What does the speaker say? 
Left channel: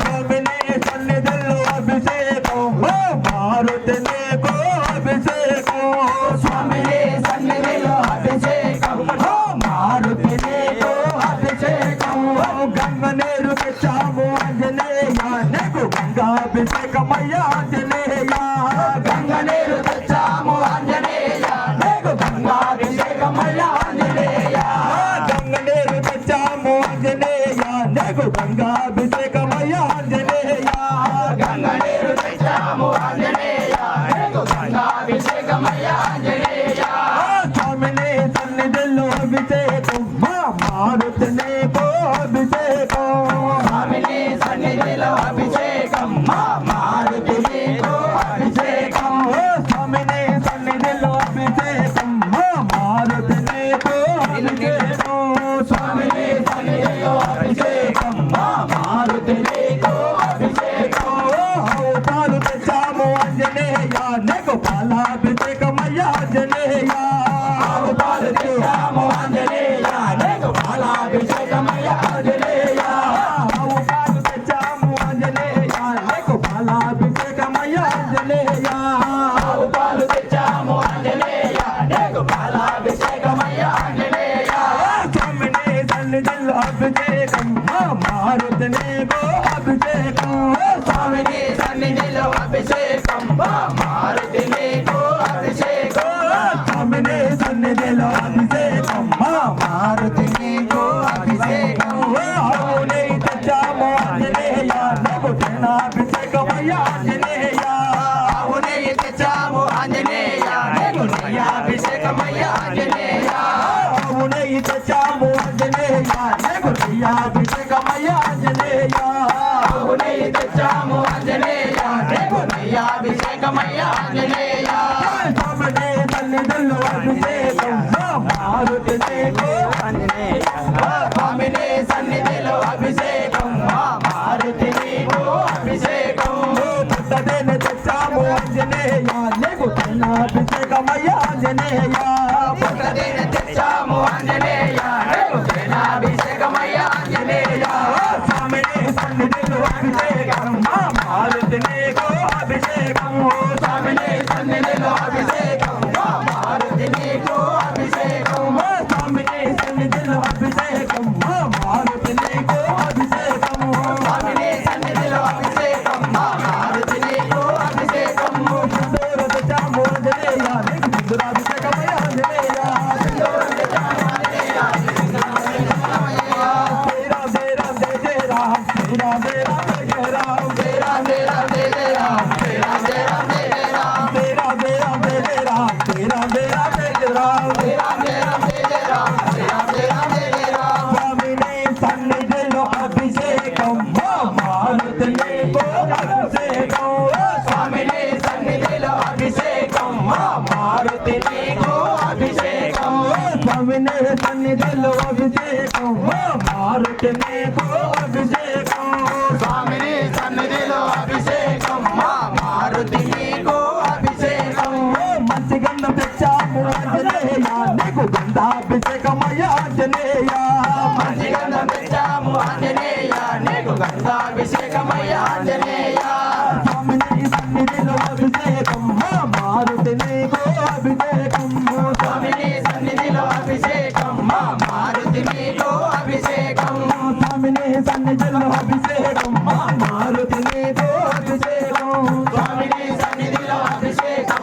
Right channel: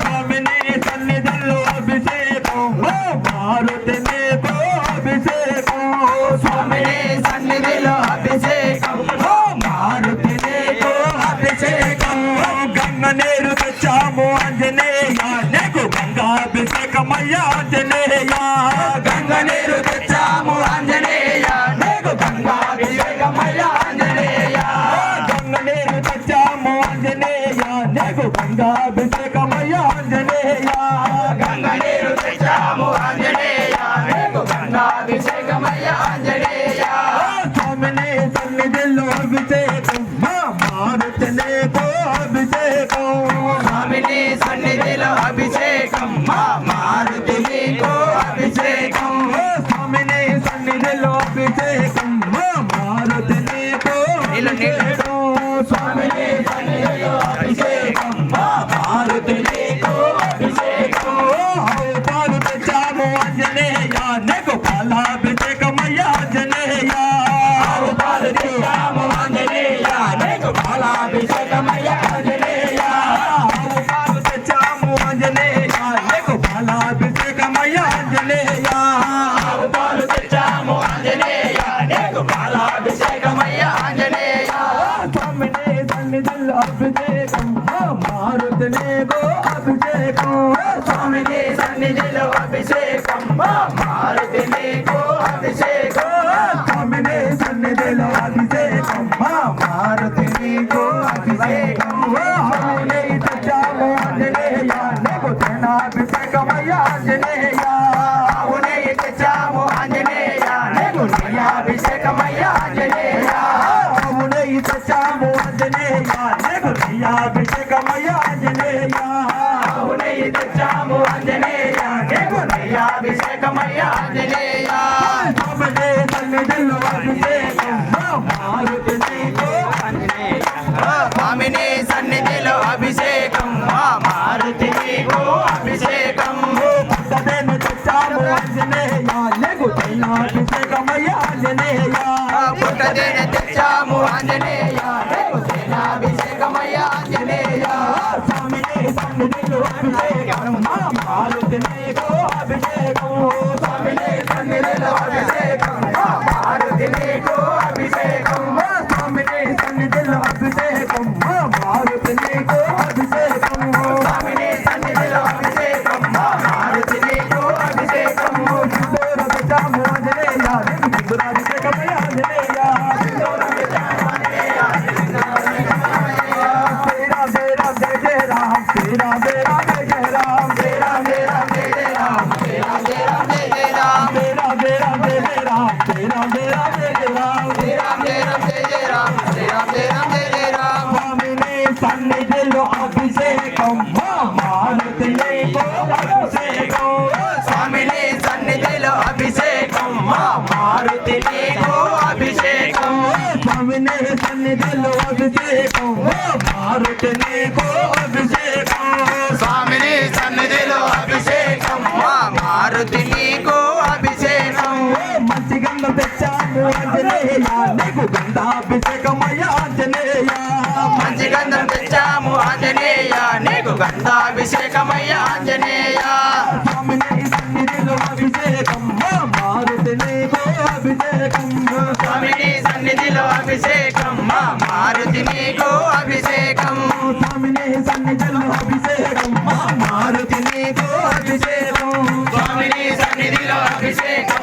స్వామిని సన్నిధి తెచ్చాము ఆంజనేయ నీకు గంగాభిషేకమయ్య ఆంజనేయ. స్వామిని సన్నిధిలో అభిషేకం మా మారుతి నీకు అభిషేకం. స్వామిని సన్నిధిలో అభిషేకం మా మారుతి నీకు అభిషేకం. స్వామిని సన్నిధిలో అభిషేకం మా మారుతి నీకు జనేయా నెగోపాల బిజక మయ్యా జనేయా గోపాల శ్రీరామ వందనేయా నెగోపాల బిజక మయ్యా జనేయా గోపాల శ్రీరామ వందనేయా నెగోపాల బిజక మయ్యా జనేయా గోపాల శ్రీరామ వందనేయా నెగోపాల బిజక మయ్యా జనేయా సమనే ధన దిల్ అభిషేకం మారుతనే గో హారతి నీకు అభిషేకం. అమ్మనే సన్నిధిలో అభిషేకం. మారుతి నీకు అభిషేకం. అవునే తెచ్చాము అంజనేయ నీకు అభిషేకమయ్యా అంజనేయ అవునే తెచ్చాము అంజనేయ నీకు నీ అభిషేకమయ్యా అంజనేయ అవునే తెచ్చాము అంజనేయ నీకు నీ అభిషేకమయ్యా అంజనేయ ఆంజనేయ అవునే తెచ్చాము ఆంజనేయ. నీకు నీ అభిషేకమయ్య ఆంజనేయ. సన్నిధిలో అభిషేకం. మారుతి స్వామిని సన్నిధిలో అభిషేకం. మా మారుతి నీకు అభిషేకం. పుట్టదేను తెచ్చాము ఆంజనేయ. లేకు అభిషేకమయ్యా ఆంజనేయ. పుట్టదేన తెచ్చాము ఆంజనేయ. Oh. సన్నిధిలో అభిషేకం మా మారుతి నీకు అభిషేకం స్వామిని సన్నిధిలో అభిషేకం. మా మారుతి నీకు అభిషేకం. మంచి గంధం తెచ్చాము ఆంజనేయ నీకు గంధాభిషేకమయ్యా ఆంజనేయ మంచి గంధం తెచ్చాము ఆంజనేయ. నీకు గంధాభిషేకమయ్య ఆంజనేయ. స్వామిని సన్నిధిలో అభిషేకం. మా మారుతి నీకు అభిషేకం. అభిషేకం. స్వామిని సన్నిధిలో అభిషేకం. మారుతి నీకు అభిషేకం స్వామిని సన్నిధిలో అభిషేకం.